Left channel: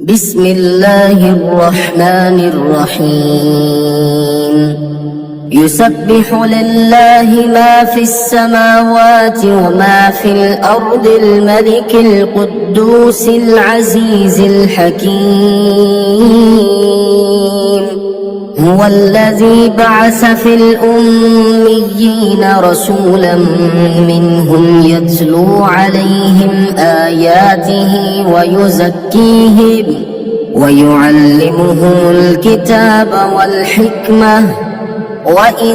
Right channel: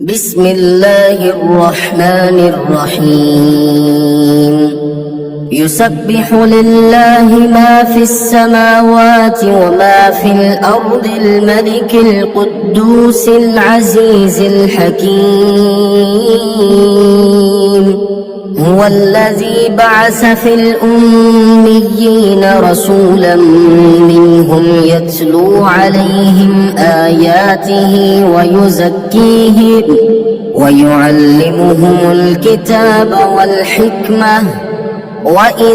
بسم الله الرحمن الرحيم يسبح لله ما في السماوات وما في الأرض الملك القدوس العزيز الحكيم هو الذي بعث في الأميين رسولا منهم يتلو عليهم آياته ويزكيهم ويعلمهم الكتاب والحكمة وإن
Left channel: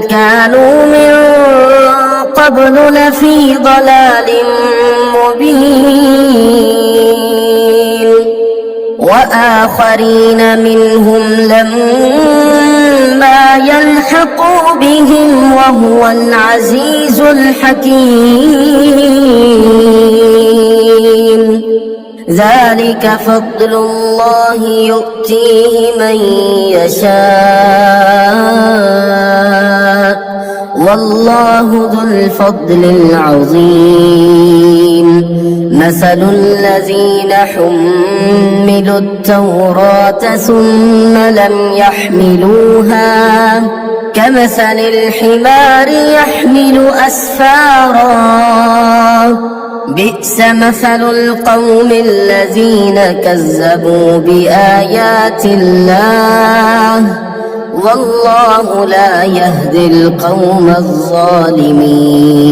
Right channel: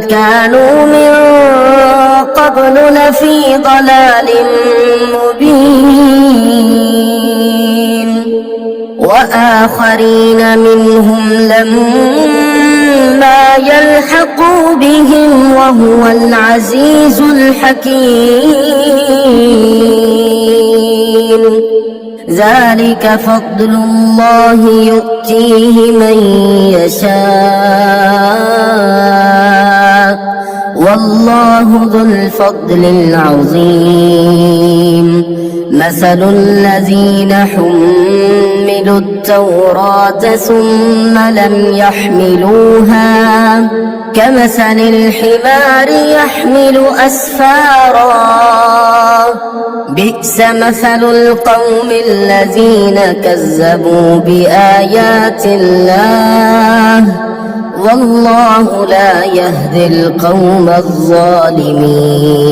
كانوا من قبل لفي ضلال مبين وآخرين منهم لما يلحقوا بهم وهو العزيز الحكيم ذلك فضل الله يؤتيه من يشاء والله ذو الفضل العظيم مثل الذين حملوا التوراة ثم لم يحملوها كمثل الحمار يحمل أسفارا بئس مثل القوم الذين كذبوا بآيات الله والله لا يهدي القوم الظالمين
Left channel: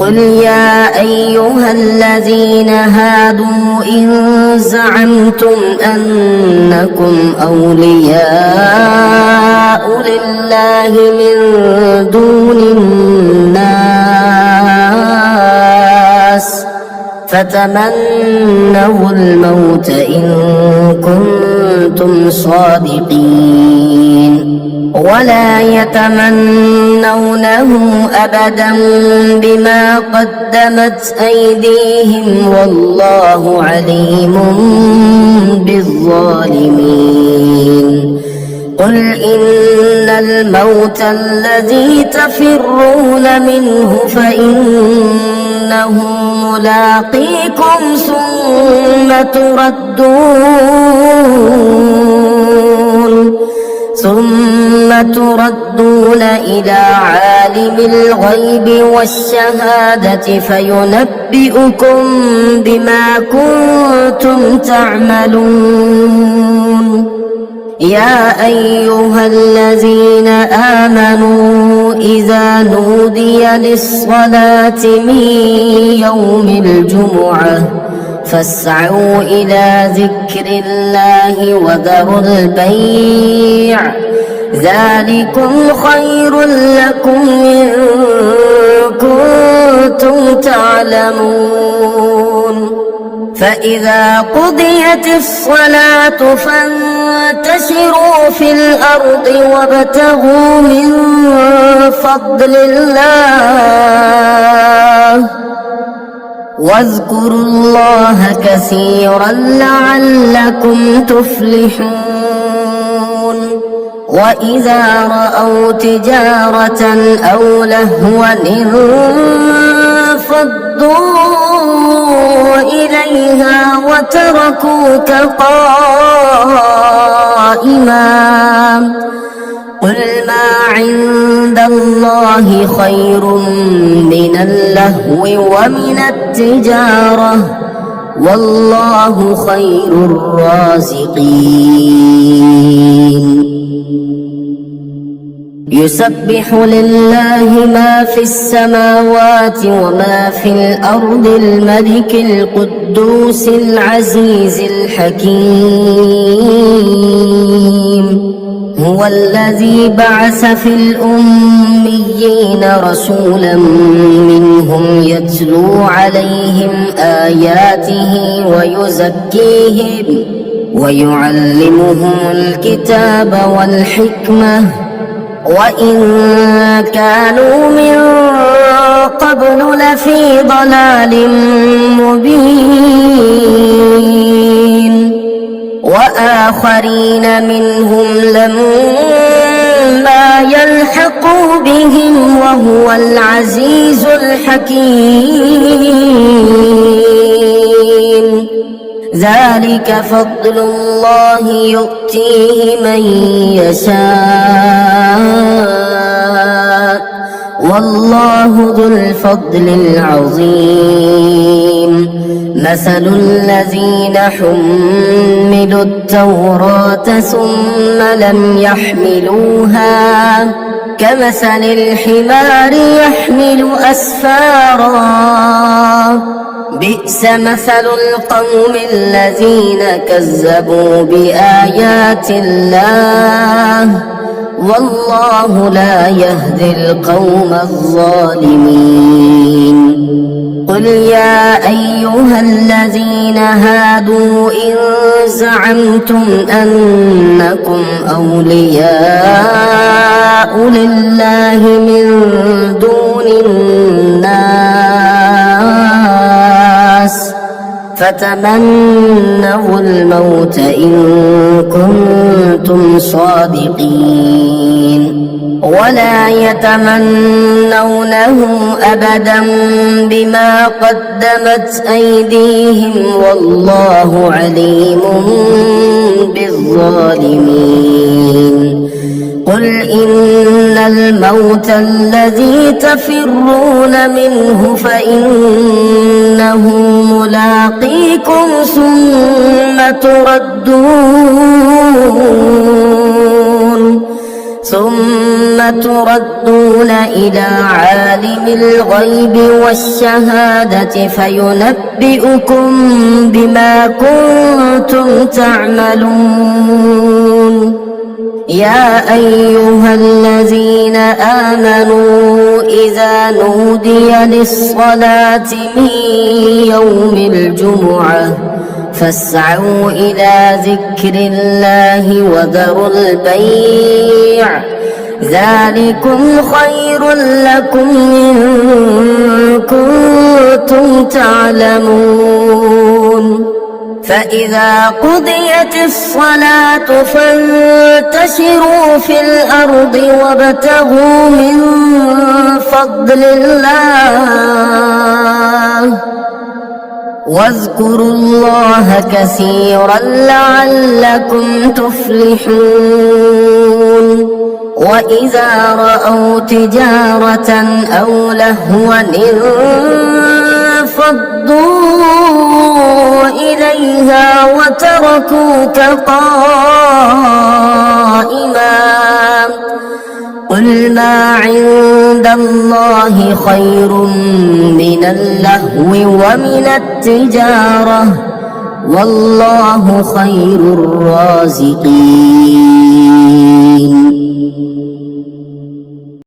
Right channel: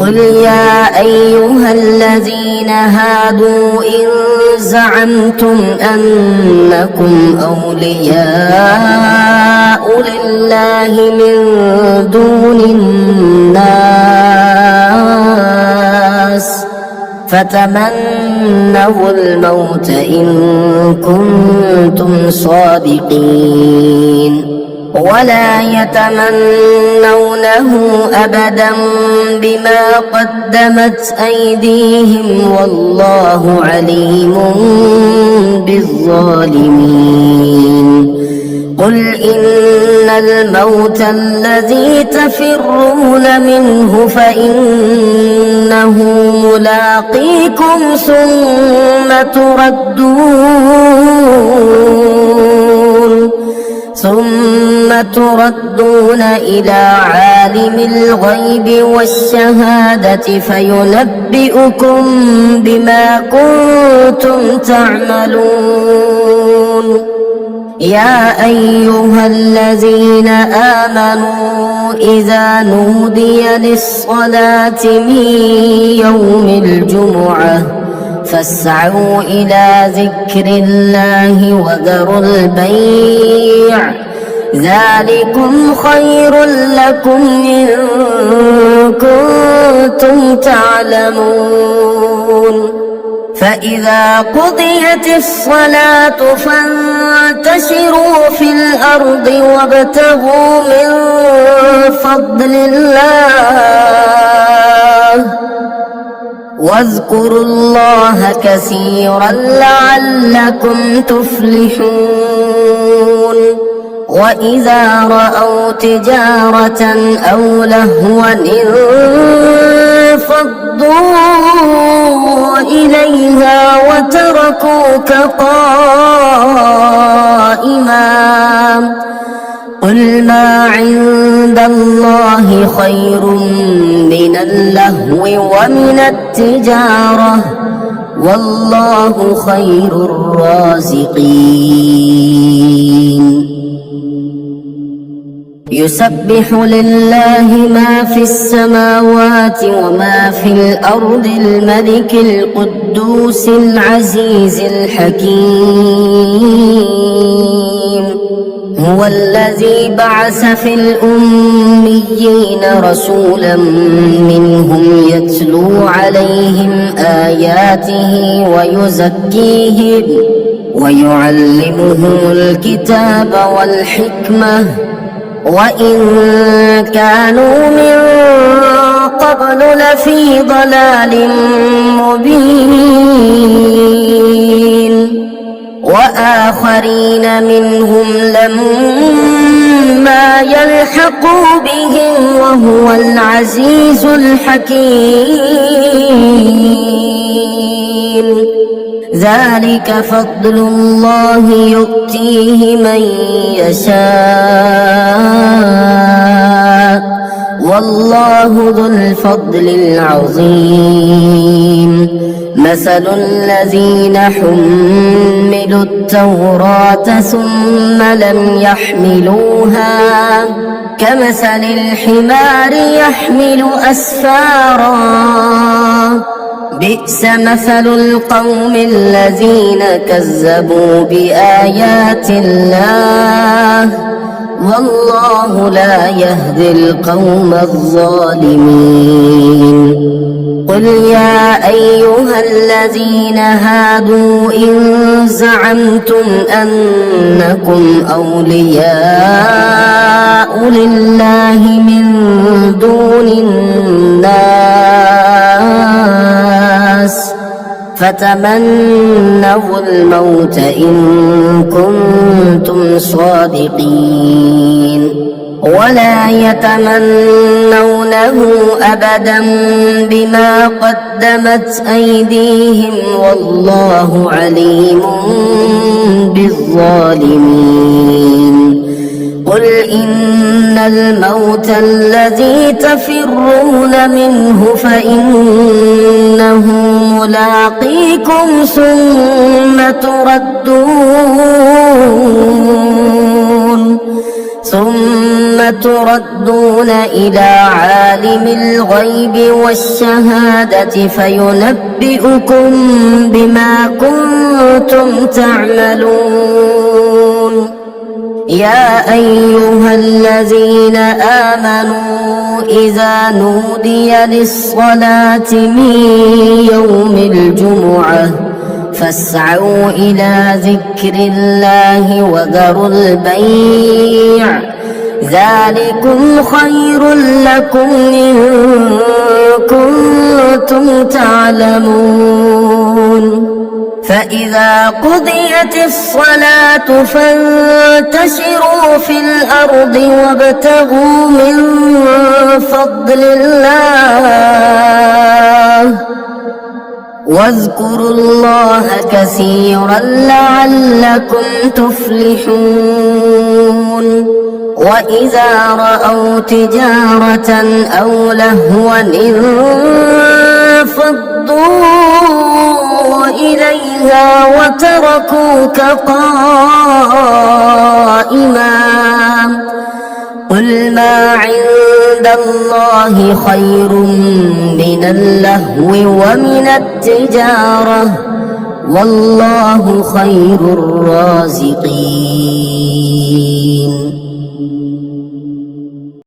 قل يا أيها الذين هادوا إن زعمتم أنكم أولياء لله من دون الناس فتمنوا الموت إن كنتم صادقين ولا يتمنونه أبدا بما قدمت أيديهم والله عليم بالظالمين قل إن الموت الذي تفرون منه فإنه ملاقيكم ثم تردون إلى عالم الغيب والشهادة فينبئكم بما كنتم تعملون يا أيها الذين آمنوا إذا نودي للصلاة من يوم الجمعة فاسعوا إلى ذكر الله وذروا البيع ذلكم خير لكم إن كنتم تعلمون فإذا قضيت الصلاة فانتشروا في الأرض وابتغوا من فضل الله واذكروا الله كثيرا لعلكم تفلحون وإذا رأوا تجارة أو لهوا انفضوا إليها وتركوك قائما قل ما عند الله خير من اللهو ومن التجارة والله خير الرازقين يسبح لله ما في السماوات وما في الأرض الملك القدوس العزيز الحكيم هو الذي بعث في الأميين رسولا منهم يتلو عليهم آياته ويزكيهم ويعلمهم الكتاب والحكمة وإن كانوا من قبل لفي ضلال مبين وآخرين منهم لما يلحقوا بهم وهو العزيز الحكيم ذلك فضل الله يؤتيه من يشاء والله ذو الفضل العظيم مثل الذين حملوا التوراة ثم لم يحملوها كمثل الحمار يحمل أسفارا بئس مثل القوم الذين كذبوا بآيات الله والله لا يهدي القوم الظالمين قل يا أيها الذين هادوا إن زعمتم أنكم أولياء لله من دون الناس فتمنوا الموت إن كنتم صادقين ولا يتمنونه أبدا بما قدمت أيديهم والله عليم بالظالمين قل إن الموت الذي تفرون منه فإنه ملاقيكم ثم تردون إلى عالم الغيب والشهادة فينبئكم بما كنتم تعملون يا أيها الذين آمنوا إذا نودي للصلاة من يوم الجمعة فاسعوا إلى ذكر الله وذروا البيع ذلكم خير لكم إن كنتم تعلمون فإذا قضيت الصلاة فانتشروا في الأرض وابتغوا من فضل الله واذكروا الله كثيرا لعلكم تفلحون وإذا رأوا تجارة أو لهوا انفضوا إليها وتركوك قائما قل ما عند الله خير من اللهو ومن التجارة والله خير الرازقين